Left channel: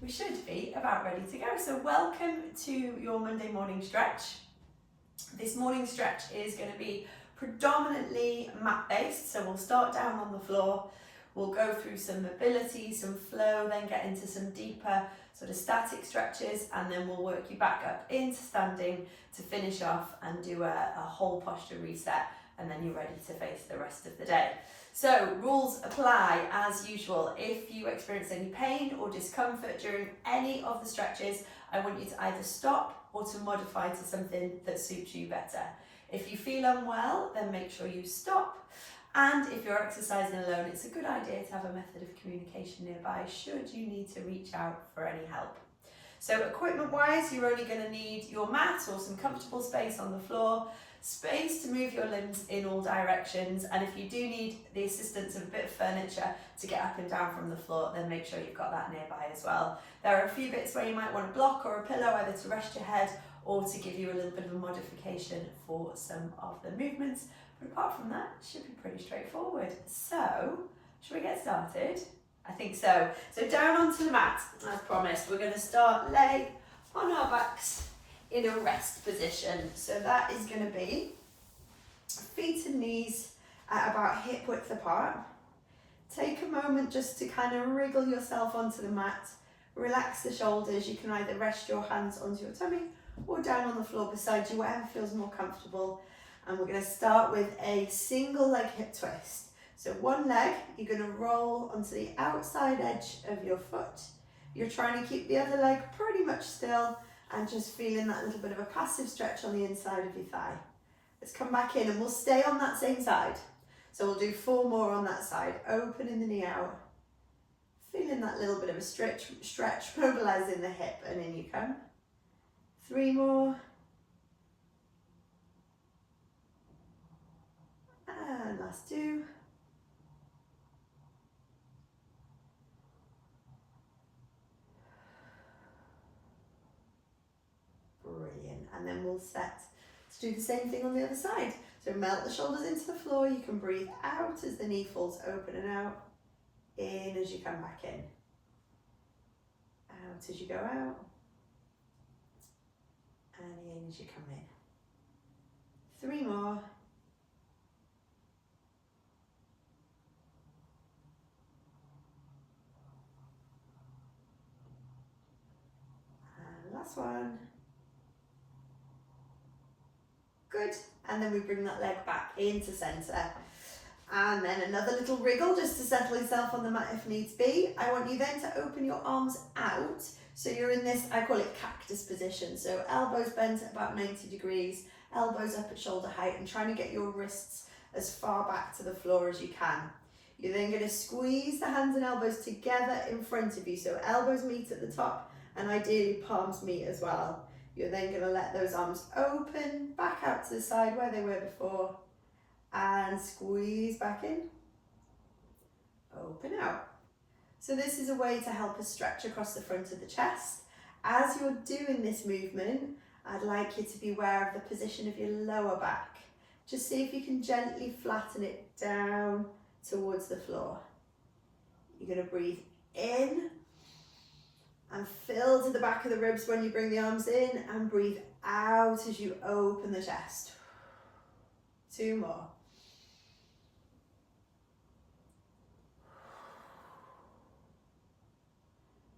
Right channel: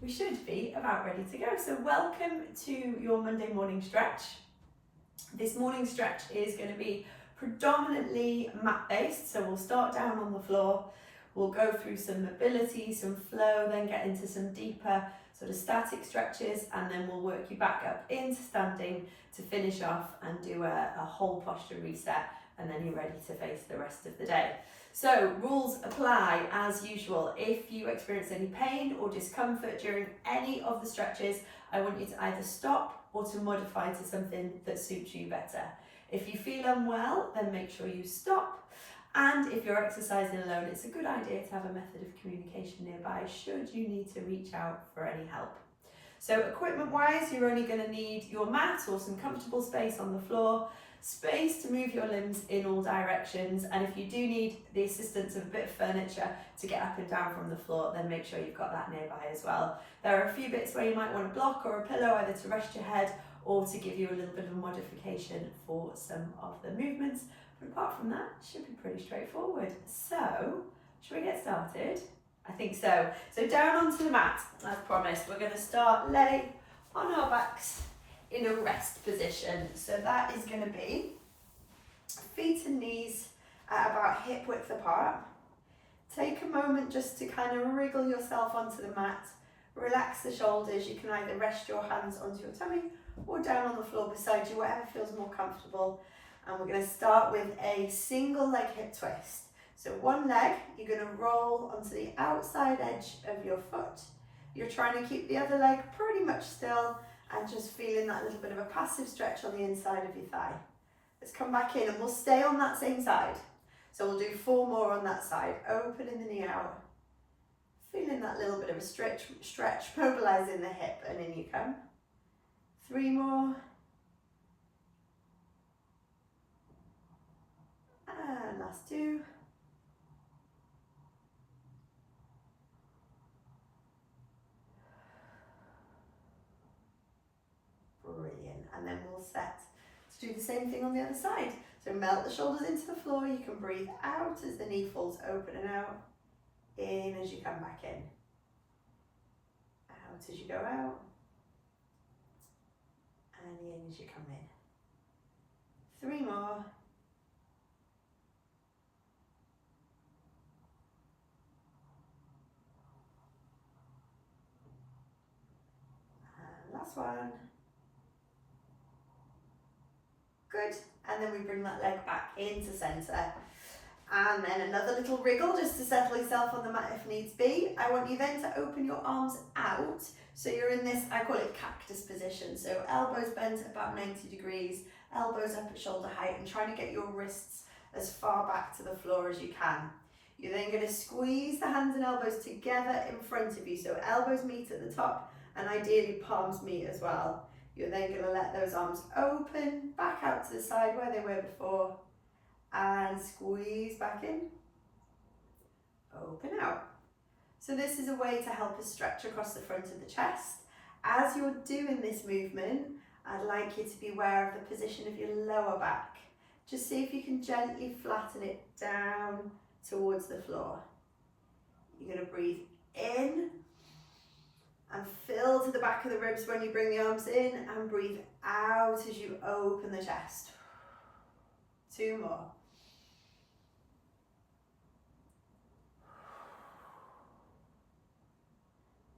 we should be about ready to go. So welcome to your Monday morning stretch. This morning stretch is going to be predominantly mat based, so we'll start down on the floor, we'll go through some mobility, some flow, then get into some deeper sort of static stretches, and then we'll work you back up into standing to finish off and do a whole posture reset, and then you're ready to face the rest of the day. So rules apply as usual. If you experience any pain or discomfort during any of the stretches, I want you to either stop or to modify to something that suits you better. If you feel unwell, then make sure you stop. And if you're exercising alone, it's a good idea to have a method of communication nearby should you need to reach out for any help. So equipment wise, you're only going to need your mat or some comfortable space on the floor, space to move your limbs in all directions, and if you do need the assistance of a bit of furniture to get up and down from the floor, then make sure you've got that nearby as well. There are a few bits where you might want a block or a pillow, either to rest your head or to give you a little bit of a modification for some of the movements, but apart from that, it should be pretty straightforward. So, shall we get started? I think so. So down onto the mat, as promised, we're going to start laying on our backs in a rest position. So that is going to be feet and knees at about hip width apart. Take a moment just to kind of wriggle yourself onto the mat, relax the shoulders. You can either rest your hands onto your tummy or down on the floor beside you, whatever feels more comfortable. And we're going to start with a single leg hip twist. So one leg, you're going to roll onto the outside edge of your foot. You're trying to keep the other leg pretty much still and just feeling that little bit of a passive stretch on the inside of your thigh. Let's come back in and we'll stay on that same side. So we'll do 4 more on that side, opening the knee out. Feeling that little bit of a stretch, mobilizing the hip, and in you come. 3 more. And last 2. Brilliant. And then we'll set to do the same thing on the other side. So melt the shoulders into the floor. You can breathe out as the knee falls open and out. In as you come back in. Out as you go out. And in as you come in. 3 more. And last one. Good. And then we bring that leg back into centre. And then another little wriggle just to settle yourself on the mat if needs be. I want you then to open your arms out. So you're in this, I call it cactus position. So elbows bent at about 90 degrees, elbows up at shoulder height, and trying to get your wrists as far back to the floor as you can. You're then going to squeeze the hands and elbows together in front of you. So elbows meet at the top and ideally palms meet as well. You're then going to let those arms open, back out to the side where they were before, and squeeze back in, open out. So this is a way to help us stretch across the front of the chest. As you're doing this movement, I'd like you to be aware of the position of your lower back. Just see if you can gently flatten it down towards the floor. You're going to breathe in and fill to the back of the ribs when you bring the arms in, and breathe out as you open the chest. 2 more.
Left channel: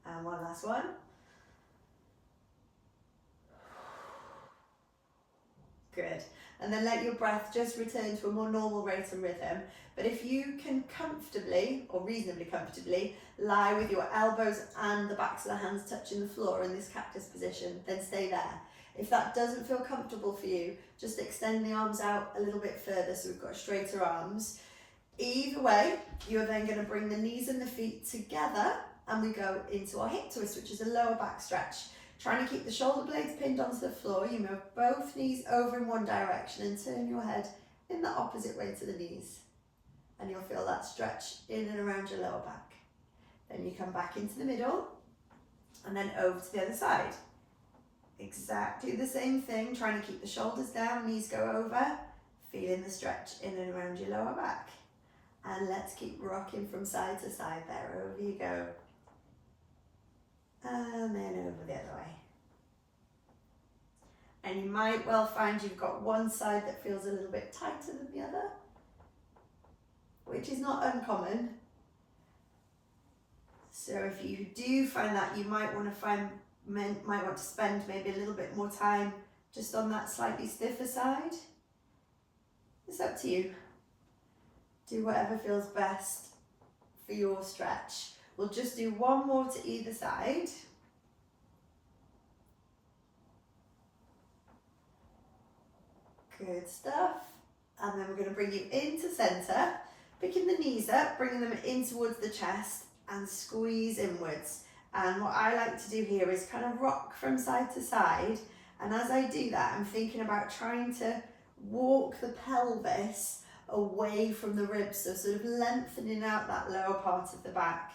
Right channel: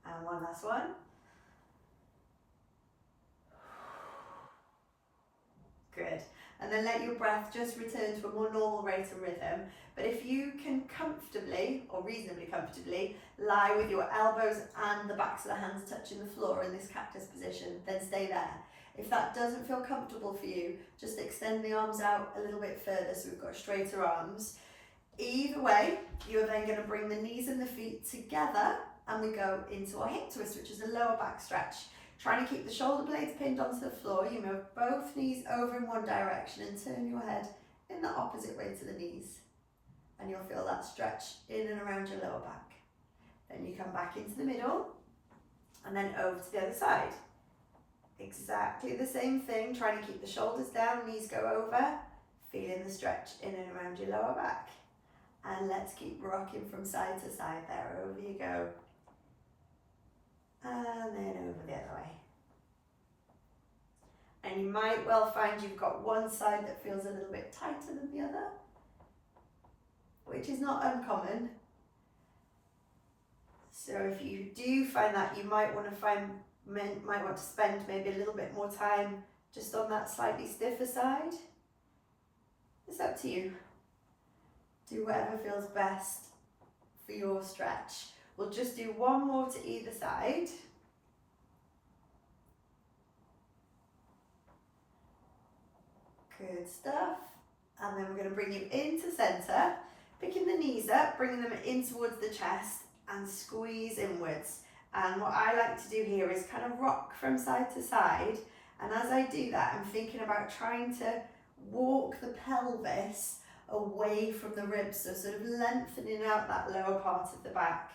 And one last one. Good. And then let your breath just return to a more normal rate and rhythm. But if you can comfortably, or reasonably comfortably, lie with your elbows and the backs of the hands touching the floor in this cactus position, then stay there. If that doesn't feel comfortable for you, just extend the arms out a little bit further so we've got straighter arms. Either way, you're then going to bring the knees and the feet together and we go into our hip twist, which is a lower back stretch. Trying to keep the shoulder blades pinned onto the floor, you move both knees over in one direction and turn your head in the opposite way to the knees. And you'll feel that stretch in and around your lower back. Then you come back into the middle and then over to the other side. Exactly the same thing, trying to keep the shoulders down, knees go over, feeling the stretch in and around your lower back. And let's keep rocking from side to side there. Over you go. And you might well find you've got one side that feels a little bit tighter than the other, which is not uncommon. So if you do find that, you might want to spend maybe a little bit more time just on that slightly stiffer side. It's up to you. Do whatever feels best for your stretch. We'll just do one more to either side. Good stuff. And then we're going to bring you into centre, picking the knees up, bringing them in towards the chest and squeeze inwards. And what I like to do here is kind of rock from side to side. And as I do that, I'm thinking about trying to walk the pelvis away from the ribs, so sort of lengthening out that lower part of the back.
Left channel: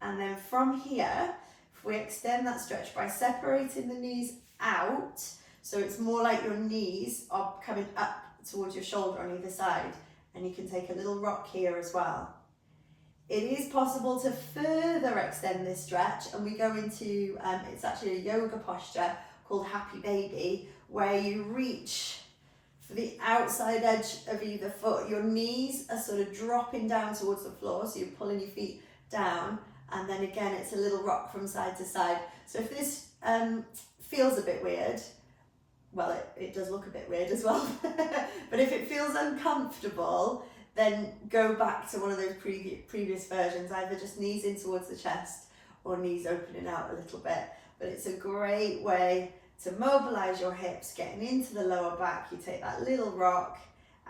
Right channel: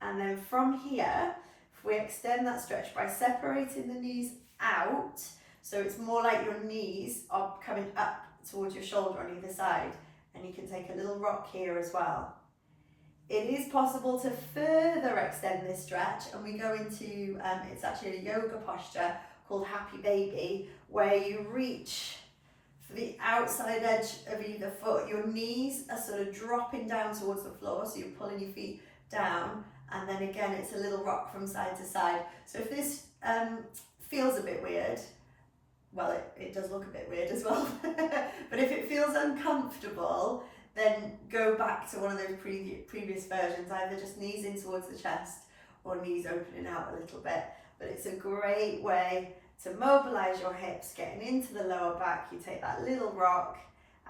And then from here, if we extend that stretch by separating the knees out, so it's more like your knees are coming up towards your shoulder on either side, and you can take a little rock here as well. It is possible to further extend this stretch, and we go into, it's actually a yoga posture called Happy Baby, where you reach for the outside edge of either foot. Your knees are sort of dropping down towards the floor, so you're pulling your feet down, and then again it's a little rock from side to side. So if this feels a bit weird, well, it does look a bit weird as well, but if it feels uncomfortable, then go back to one of those previous versions, either just knees in towards the chest or knees opening out a little bit. But it's a great way to mobilize your hips, getting into the lower back. You take that little rock,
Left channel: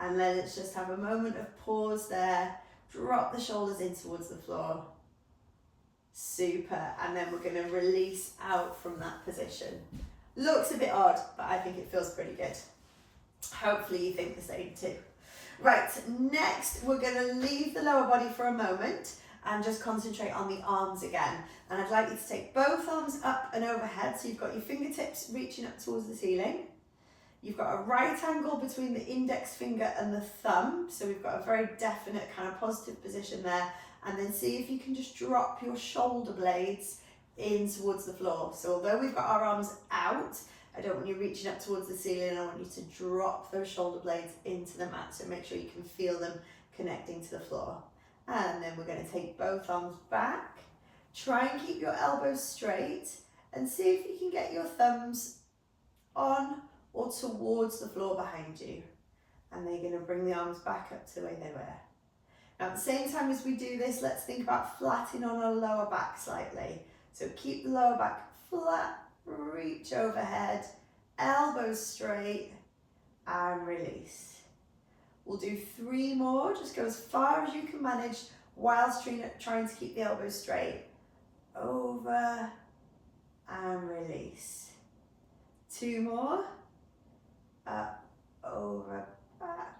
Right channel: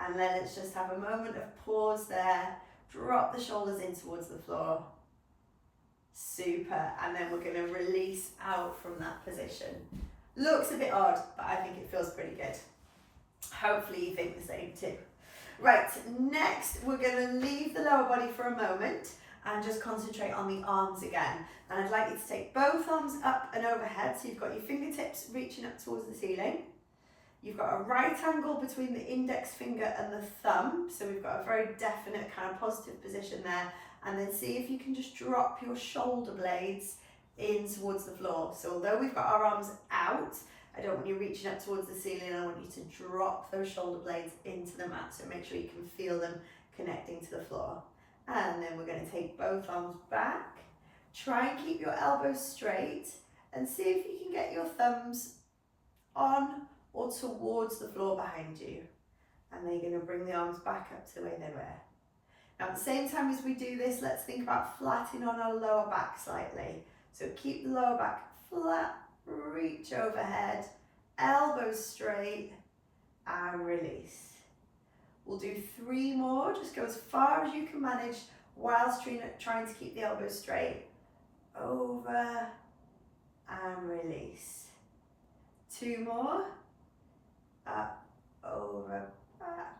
and then let's just have a moment of pause there. Drop the shoulders in towards the floor. Super. And then we're going to release out from that position. Looks a bit odd, but I think it feels pretty good. Hopefully you think the same too. Right, next we're going to leave the lower body for a moment and just concentrate on the arms again. And I'd like you to take both arms up and overhead, so you've got your fingertips reaching up towards the ceiling. You've got a right angle between the index finger and the thumb, so we've got a very definite kind of positive position there. And then see if you can just drop your shoulder blades in towards the floor. So although we've got our arms out, I don't want you reaching up towards the ceiling. I want you to drop those shoulder blades into the mat, so make sure you can feel them connecting to the floor. And then we're going to take both arms back. Try and keep your elbows straight and see if you can get your thumbs on or towards the floor behind you. And then you're going to bring the arms back up to the way they were. Now at the same time as we do this, let's think about flattening on our lower back slightly. So keep the lower back flat, reach overhead, elbows straight, and release. We'll do 3 more, just go as far as you can manage whilst trying to keep the elbows straight. Over and release. 2 more, up, over, back,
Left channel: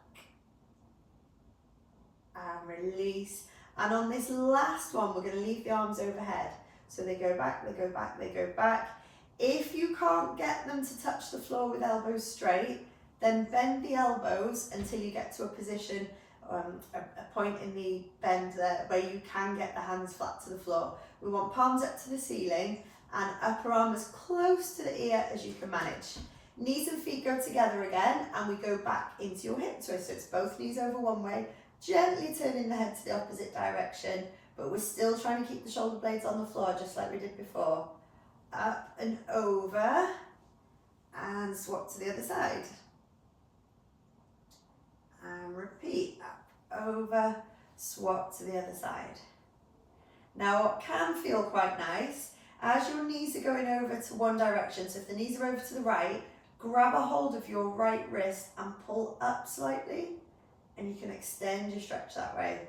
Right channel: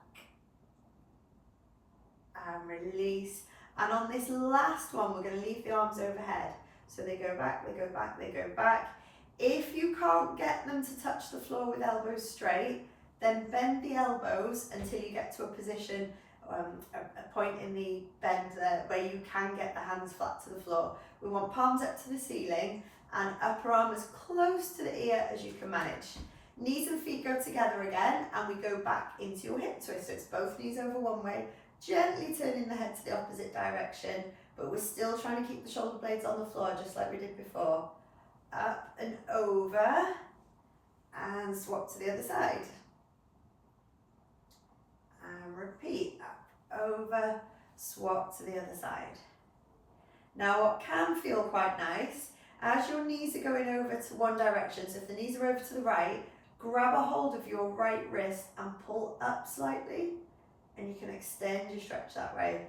and release. And on this last one, we're going to leave the arms overhead. So they go back, they go back, they go back. If you can't get them to touch the floor with elbows straight, then bend the elbows until you get to a position, a point in the bend there where you can get the hands flat to the floor. We want palms up to the ceiling and upper arm as close to the ear as you can manage. Knees and feet go together again, and we go back into your hip twist. So it's both knees over one way, gently turning the head to the opposite direction, but we're still trying to keep the shoulder blades on the floor just like we did before. Up and over, and swap to the other side. And repeat, up, over, swap to the other side. Now what can feel quite nice, as your knees are going over to one direction, so if the knees are over to the right, grab a hold of your right wrist and pull up slightly, and you can extend your stretch that way.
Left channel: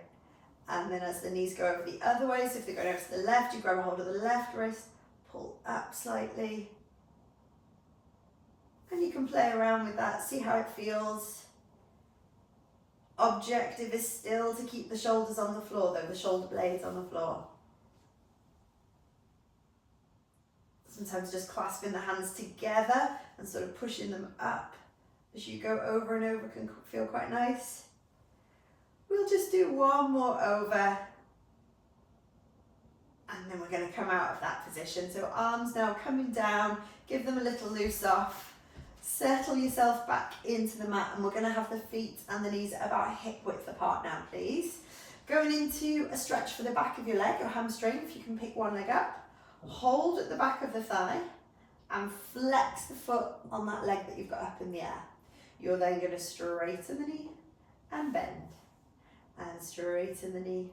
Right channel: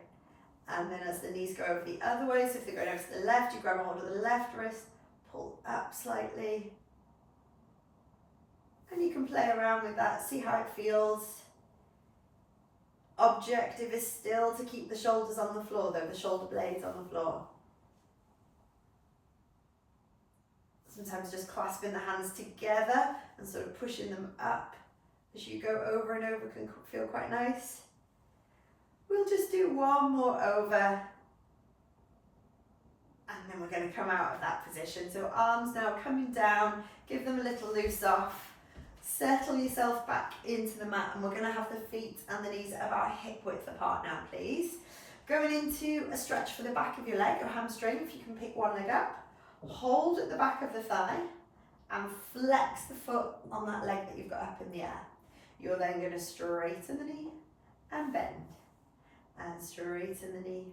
And then as the knees go over the other way, so if they're going over to the left, you grab a hold of the left wrist, pull up slightly. And you can play around with that, see how it feels. Objective is still to keep the shoulders on the floor though, the shoulder blades on the floor. Sometimes just clasping the hands together and sort of pushing them up as you go over and over can feel quite nice. We'll just do one more over, and then we're going to come out of that position. So arms now coming down, give them a little loose off. Settle yourself back into the mat, and we're going to have the feet and the knees about hip width apart now, please. Going into a stretch for the back of your leg, your hamstring, if you can pick one leg up. Hold at the back of the thigh and flex the foot on that leg that you've got up in the air. You're then going to straighten the knee and bend. And straighten the knee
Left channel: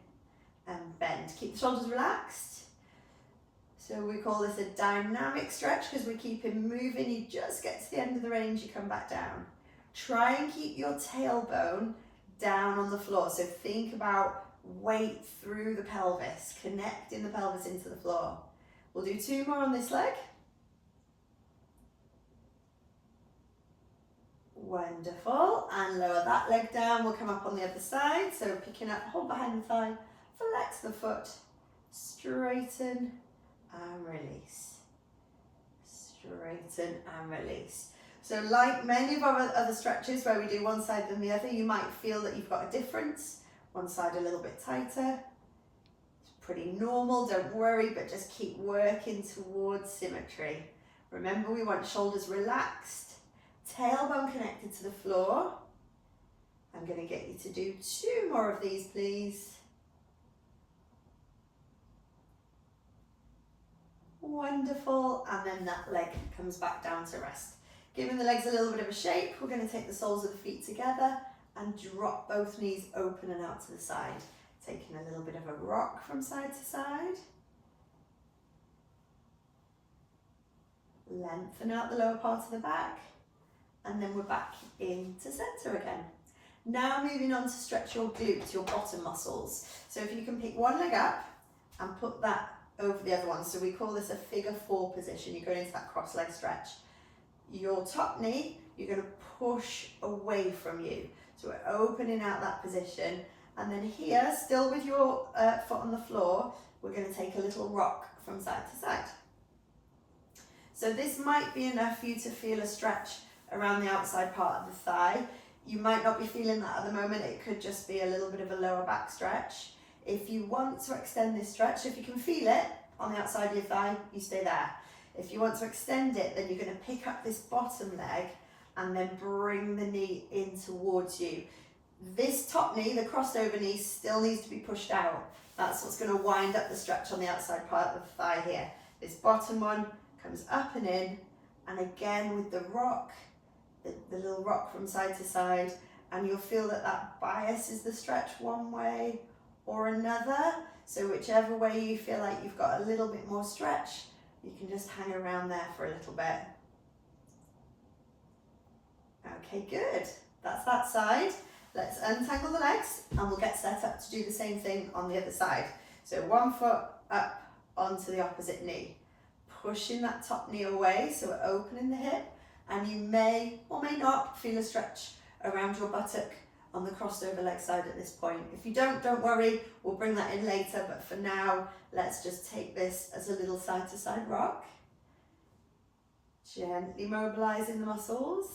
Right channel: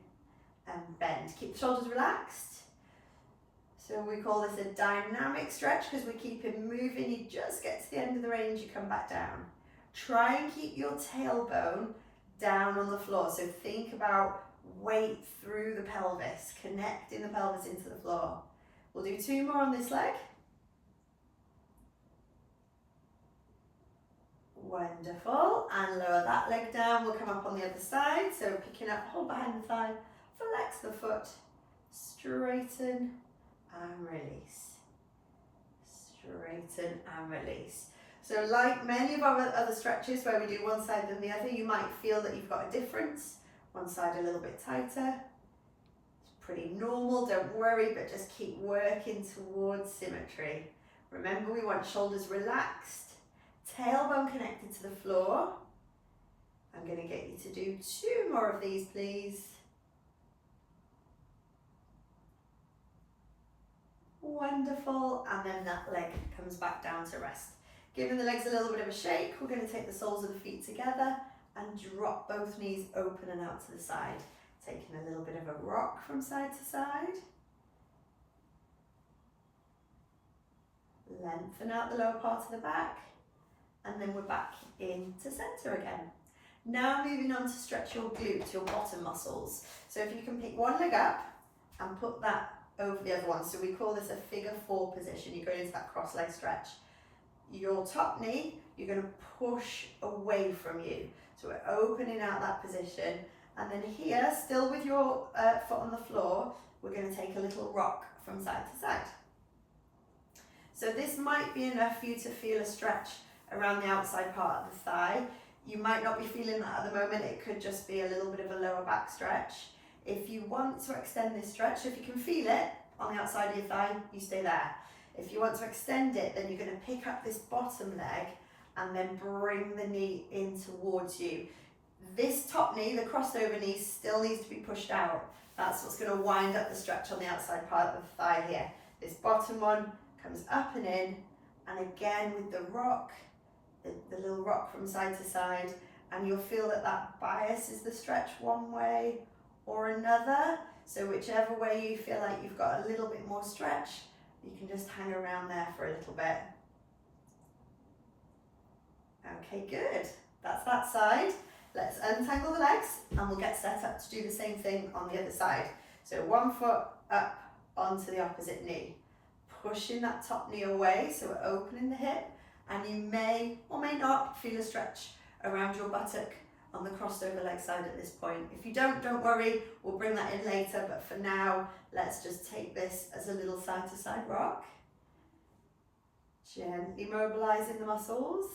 and bend. Keep the shoulders relaxed. So we call this a dynamic stretch because we keep it moving. You just get to the end of the range, you come back down. Try and keep your tailbone down on the floor. So think about weight through the pelvis, connecting the pelvis into the floor. We'll do 2 more on this leg. Wonderful. And lower that leg down. We'll come up on the other side. So picking up, hold behind the thigh, flex the foot, straighten and release. Straighten and release. So like many of our other stretches where we do one side than the other, you might feel that you've got a difference. One side a little bit tighter. It's pretty normal, don't worry, but just keep working towards symmetry. Remember, we want shoulders relaxed, tailbone connected to the floor. I'm going to get you to do 2 more of these, please. Wonderful, and then that leg comes back down to rest. Giving the legs a little bit of a shake, we're going to take the soles of the feet together and drop both knees open and out to the side. Taking a little bit of a rock from side to side. Lengthen out the lower part of the back, and then we're back into center again. Now moving on to stretch your glutes, your bottom muscles. So if you can pick one leg up and put that over the other one. So we call this a figure 4 position. You're going into that cross leg stretch. Your top knee, you're going to push away from you. So we're opening out that position. And then here, still with your foot on the floor, we're going to take a little rock from side to side. So this might be enough for you to feel a stretch around the outside part of the thigh. You might not be feeling that at the moment. It could just be a little bit of a lower back stretch. If you want to extend this stretch, if you can feel it on the outside of your thigh, you stay there. If you want to extend it, then you're going to pick up this bottom leg and then bring the knee in towards you. This top knee, the crossover knee, still needs to be pushed out. That's what's going to wind up the stretch on the outside part of the thigh here. This bottom one comes up and in, and again with the rock, the little rock from side to side, and you'll feel that that biases the stretch one way or another. So whichever way you feel like you've got a little bit more stretch, you can just hang around there for a little bit. Okay, good. That's that side. Let's untangle the legs and we'll get set up to do the same thing on the other side. So one foot up onto the opposite knee, pushing that top knee away, so we're opening the hip, and you may or may not feel a stretch around your buttock on the crossover leg side at this point. If you don't worry, we'll bring that in later, but for now, let's just take this as a little side to side rock. Gently mobilizing the muscles.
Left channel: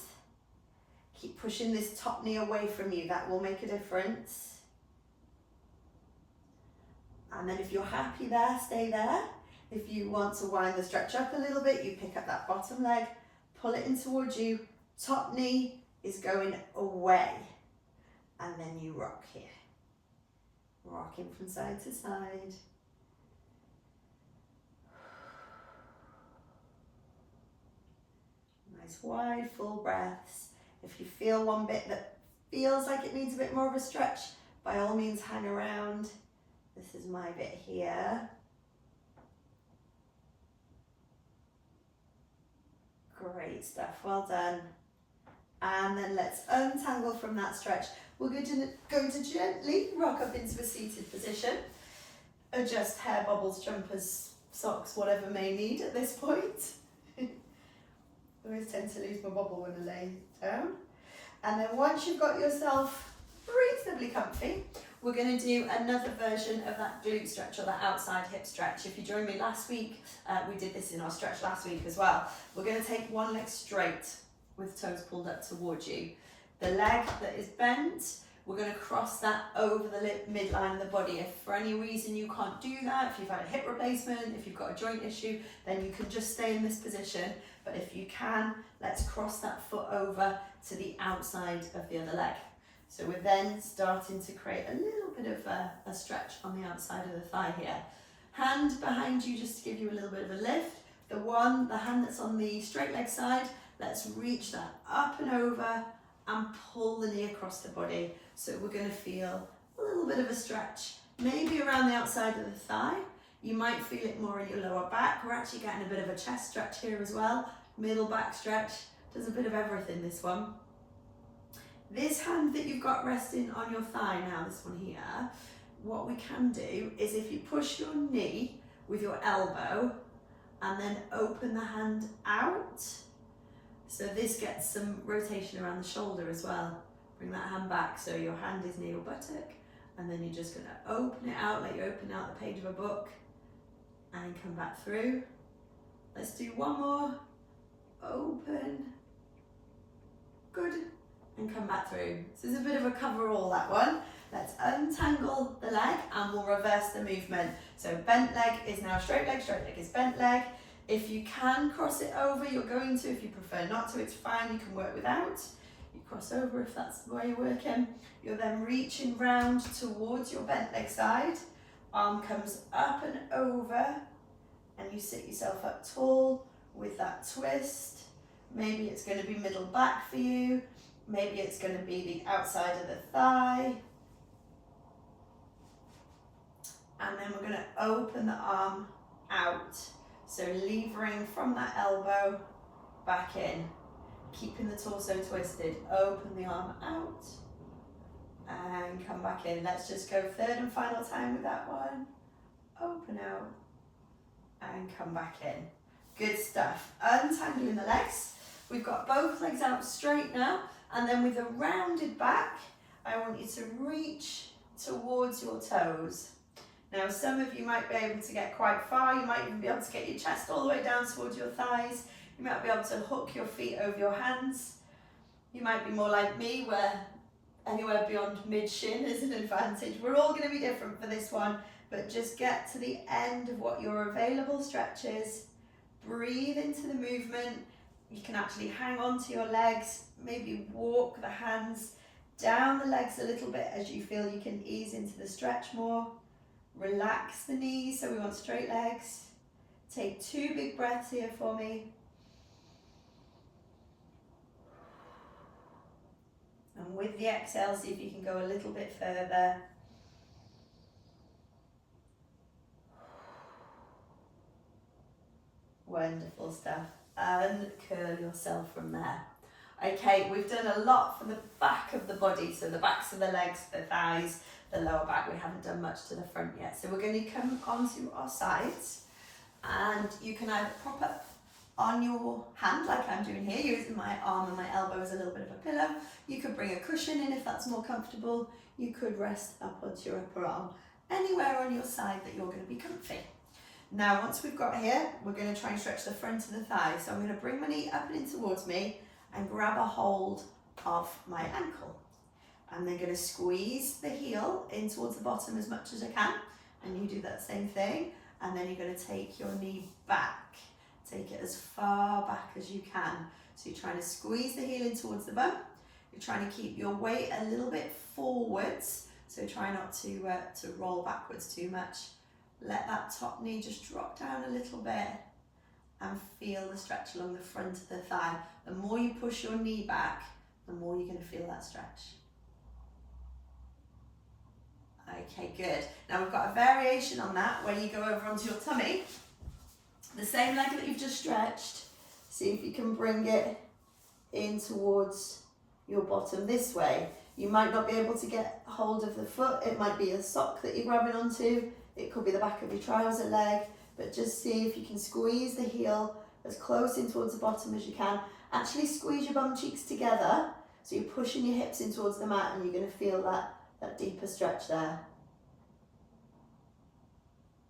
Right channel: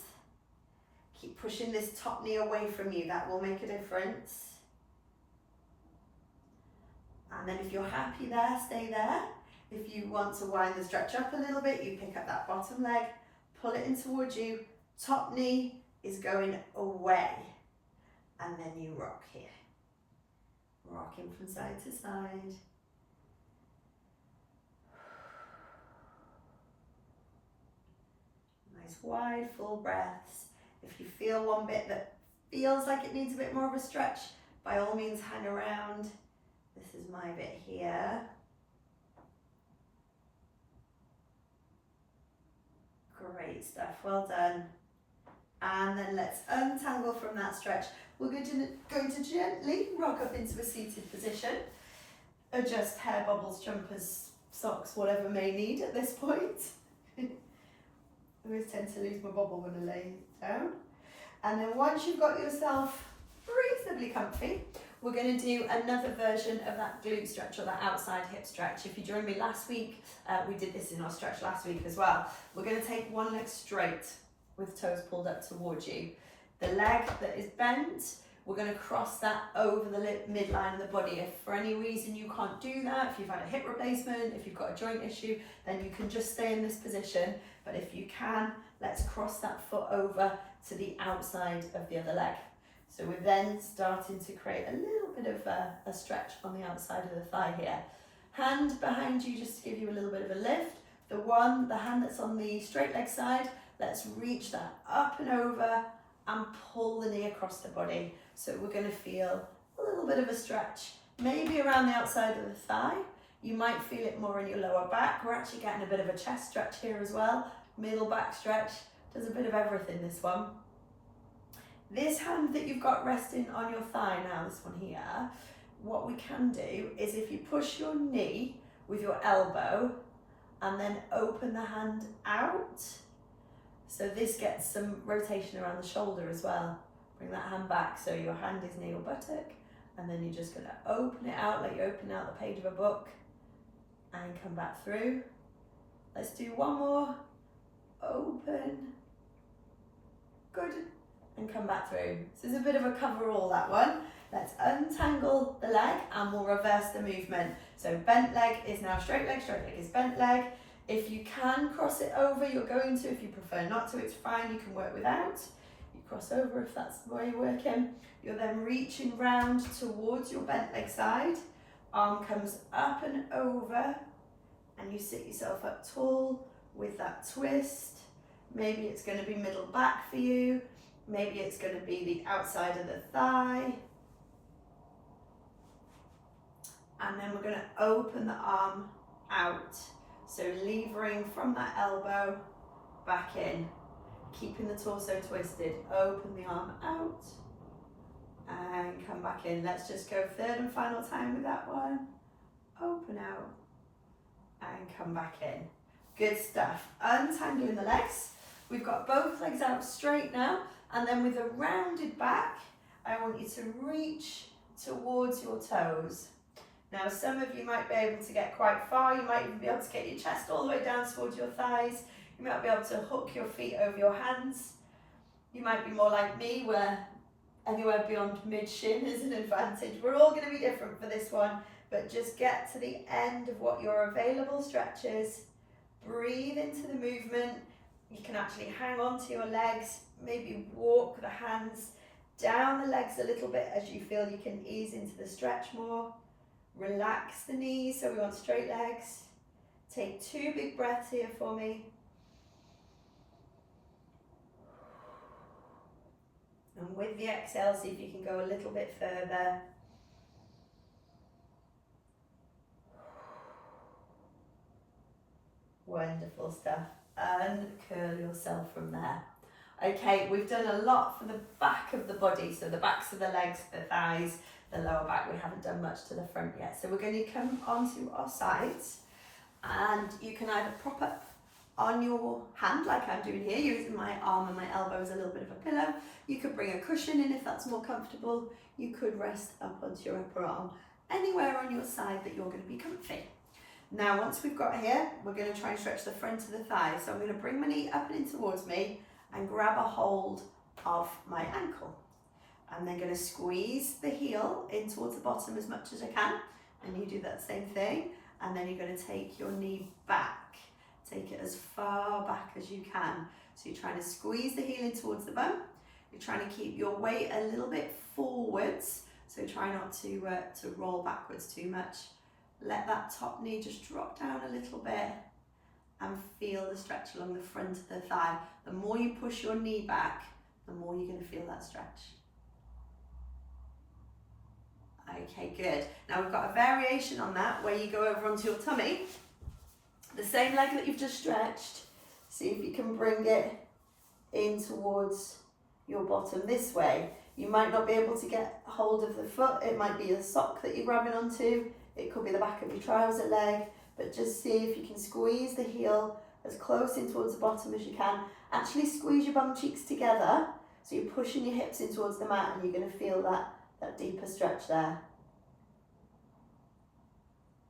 Keep pushing this top knee away from you, that will make a difference. And then if you're happy there, stay there. If you want to wind the stretch up a little bit, you pick up that bottom leg, pull it in towards you, top knee is going away. And then you rock here. Rocking from side to side. Nice wide, full breaths. If you feel one bit that feels like it needs a bit more of a stretch, by all means hang around. This is my bit here. Great stuff, well done. And then let's untangle from that stretch. We're going to gently rock up into a seated position. Adjust hair, bubbles, jumpers, socks, whatever may need at this point. I always tend to lose my bubble when I lay down. And then once you've got yourself reasonably comfy, we're going to do another version of that glute stretch, or that outside hip stretch. If you joined me last week, we did this in our stretch last week as well. We're going to take one leg straight with toes pulled up towards you. The leg that is bent, we're going to cross that over the midline of the body. If for any reason you can't do that, if you've had a hip replacement, if you've got a joint issue, then you can just stay in this position. But if you can, let's cross that foot over to the outside of the other leg. So we're then starting to create a little bit of a stretch on the outside of the thigh here. Hand behind you just to give you a little bit of a lift. The hand that's on the straight leg side, let's reach that up and over and pull the knee across the body. So we're going to feel a little bit of a stretch, maybe around the outside of the thigh. You might feel it more in your lower back. We're actually getting a bit of a chest stretch here as well. Middle back stretch, does a bit of everything, this one. This hand that you've got resting on your thigh now, this one here, what we can do is if you push your knee with your elbow and then open the hand out, so this gets some rotation around the shoulder as well. Bring that hand back so your hand is near your buttock, and then you're just going to open it out like you open out the page of a book and come back through. Let's do one more. Open. Good. And come back through. So it's a bit of a coverall, that one. Let's untangle the leg and we'll reverse the movement. So bent leg is now straight leg is bent leg. If you can cross it over, you're going to. If you prefer not to, it's fine, you can work without. You cross over if that's the way you're working. You're then reaching round towards your bent leg side. Arm comes up and over, and you sit yourself up tall with that twist. Maybe it's going to be middle back for you. Maybe it's going to be the outside of the thigh. And then we're going to open the arm out. So levering from that elbow back in, keeping the torso twisted. Open the arm out and come back in. Let's just go third and final time with that one. Open out and come back in. Good stuff. Untangling the legs. We've got both legs out straight now, and then with a rounded back, I want you to reach towards your toes. Now, some of you might be able to get quite far. You might even be able to get your chest all the way down towards your thighs. You might be able to hook your feet over your hands. You might be more like me, where anywhere beyond mid-shin is an advantage. We're all going to be different for this one, but just get to the end of what your available stretch is. Breathe into the movement. You can actually hang on to your legs, maybe walk the hands down the legs a little bit as you feel you can ease into the stretch more. Relax the knees, so we want straight legs. Take 2 big breaths here for me. And with the exhale, see if you can go a little bit further. Wonderful stuff. Uncurl yourself from there. Okay, we've done a lot for the back of the body, so the backs of the legs, the thighs, the lower back. We haven't done much to the front yet. So we're going to come onto our sides, and you can either prop up on your hand like I'm doing here, using my arm and my elbow as a little bit of a pillow. You could bring a cushion in if that's more comfortable. You could rest up onto your upper arm, anywhere on your side that you're going to be comfy. Now, once we've got here, we're going to try and stretch the front of the thigh. So I'm going to bring my knee up and in towards me and grab a hold of my ankle. I'm then going to squeeze the heel in towards the bottom as much as I can, and you do that same thing. And then you're going to take your knee back. Take it as far back as you can. So you're trying to squeeze the heel in towards the bum. You're trying to keep your weight a little bit forwards. So try not to roll backwards too much. Let that top knee just drop down a little bit and feel the stretch along the front of the thigh. The more you push your knee back, the more you're going to feel that stretch. Okay, good. Now we've got a variation on that where you go over onto your tummy. The same leg that you've just stretched. See if you can bring it in towards your bottom this way. You might not be able to get hold of the foot. It might be a sock that you're grabbing onto. It could be the back of your trouser leg, but just see if you can squeeze the heel as close in towards the bottom as you can. Actually squeeze your bum cheeks together, so you're pushing your hips in towards the mat, and you're going to feel that deeper stretch there.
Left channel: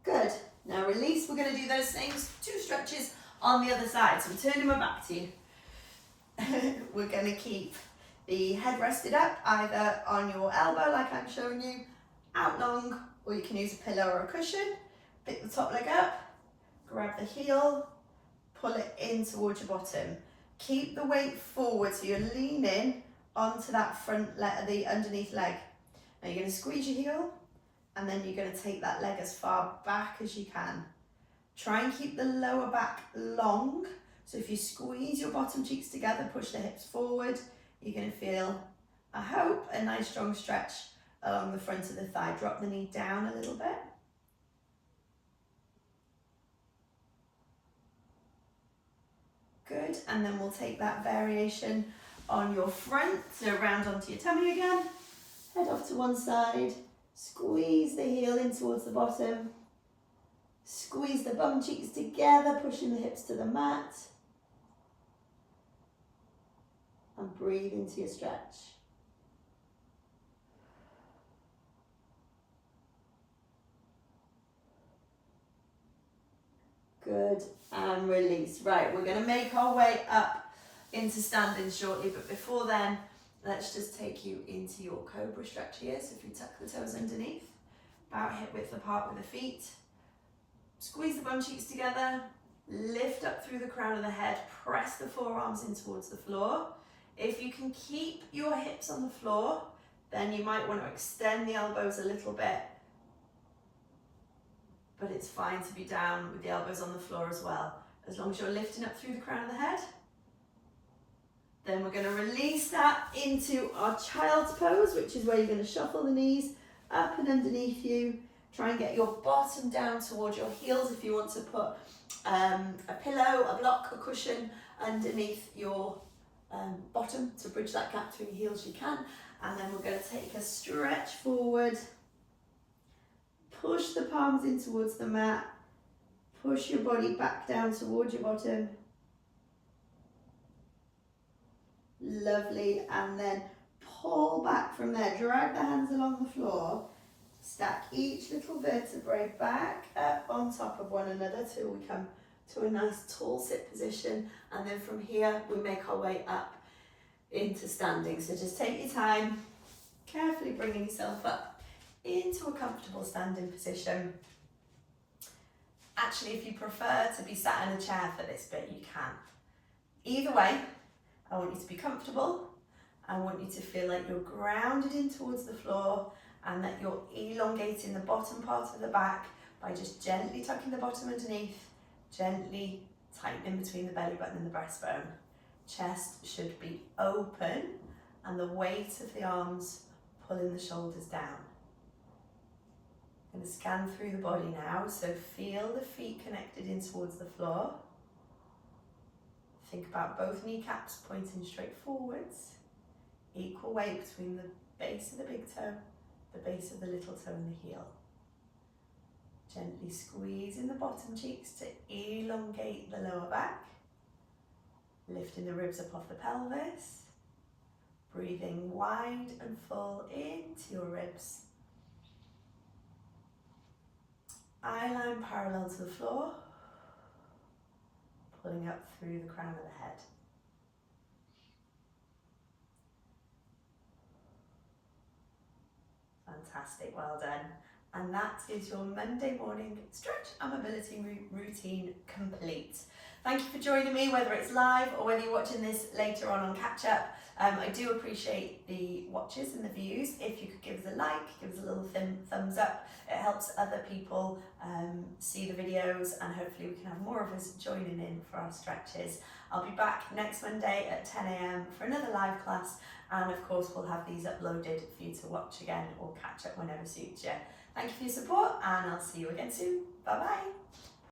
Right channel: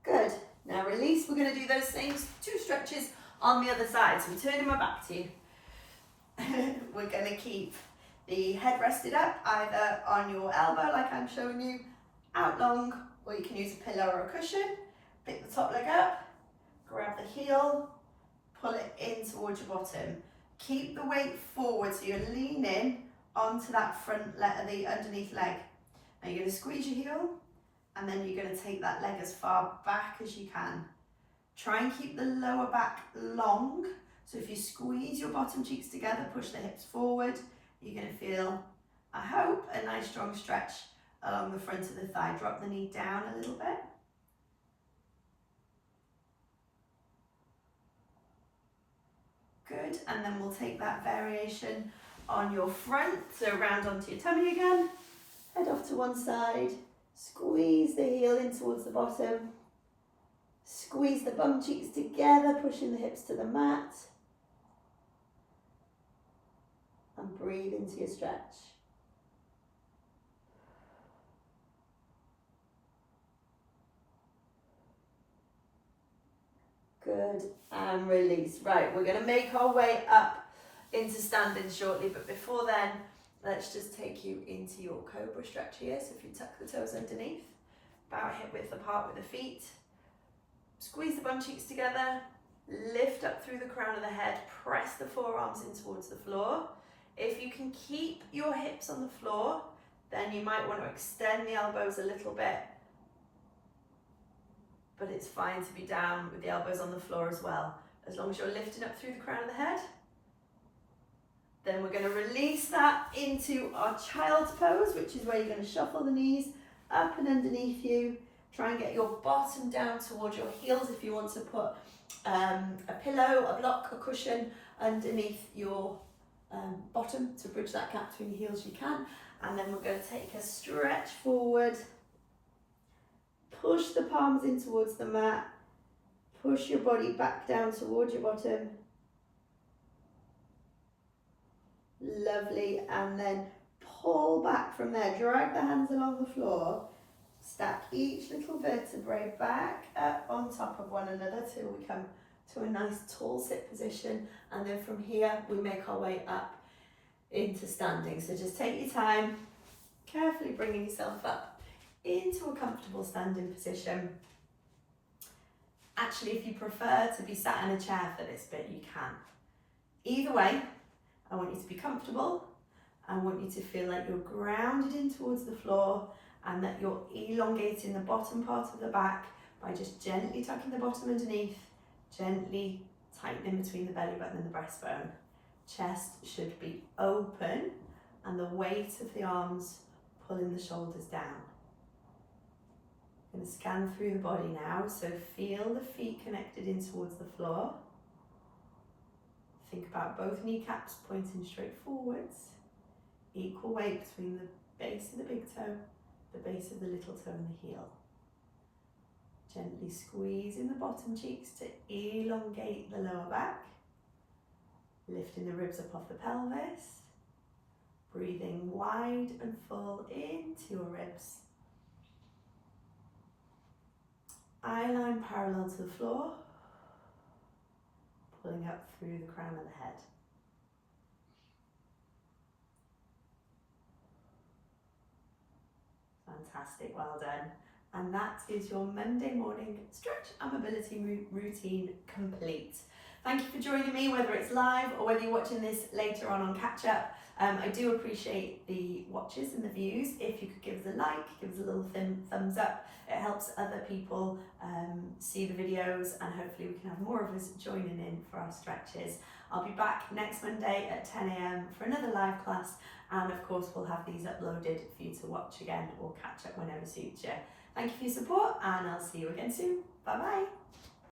Good. Now release. We're going to do those same 2 stretches on the other side. So I'm turning my back to you. We're going to keep the head rested up, either on your elbow like I'm showing you, out long, or you can use a pillow or a cushion. Pick the top leg up, grab the heel, pull it in towards your bottom. Keep the weight forward so you're leaning onto that front leg, the underneath leg. Now you're going to squeeze your heel, and then you're going to take that leg as far back as you can. Try and keep the lower back long. So if you squeeze your bottom cheeks together, push the hips forward, you're going to feel, I hope, a nice strong stretch along the front of the thigh. Drop the knee down a little bit. Good, and then we'll take that variation on your front, so round onto your tummy again, head off to one side, squeeze the heel in towards the bottom, squeeze the bum cheeks together, pushing the hips to the mat, and breathe into your stretch. Good, and release. Right, we're going to make our way up into standing shortly, but before then, let's just take you into your cobra stretch here. So if you tuck the toes underneath, bow hip width apart with the feet, squeeze the bum cheeks together, lift up through the crown of the head, press the forearms in towards the floor. If you can keep your hips on the floor, then you might want to extend the elbows a little bit, but it's fine to be down with the elbows on the floor as well, as long as you're lifting up through the crown of the head. Then we're going to release that into our child's pose, which is where you're going to shuffle the knees up and underneath you. Try and get your bottom down towards your heels. If you want to put a pillow, a block, a cushion underneath your bottom to bridge that gap between your heels, you can. And then we're going to take a stretch forward. Push the palms in towards the mat. Push your body back down towards your bottom. Lovely, and then pull back from there. Drag the hands along the floor. Stack each little vertebrae back up on top of one another till we come to a nice tall sit position, and then from here we make our way up into standing. So just take your time, carefully bringing yourself up into a comfortable standing position. Actually, if you prefer to be sat in a chair for this bit, you can. Either way, I want you to be comfortable. I want you to feel like you're grounded in towards the floor and that you're elongating the bottom part of the back by just gently tucking the bottom underneath, gently tightening between the belly button and the breastbone. Chest should be open and the weight of the arms pulling the shoulders down. I'm going to scan through the body now, so feel the feet connected in towards the floor. Think about both kneecaps pointing straight forwards. Equal weight between the base of the big toe, the base of the little toe and the heel. Gently squeezing the bottom cheeks to elongate the lower back. Lifting the ribs up off the pelvis. Breathing wide and full into your ribs. Eye line parallel to the floor. Pulling up through the crown of the head. Fantastic, well done. And that is your Monday morning stretch and mobility routine complete. Thank you for joining me, whether it's live or whether you're watching this later on catch up. I do appreciate the watches and the views. If you could give us a like, give us a little thumbs up, it helps other people see the videos, and hopefully we can have more of us joining in for our stretches. I'll be back next Monday at 10 AM for another live class, and of course we'll have these uploaded for you to watch again or catch up whenever suits you. Thank you for your support, and I'll see you again soon. Bye bye.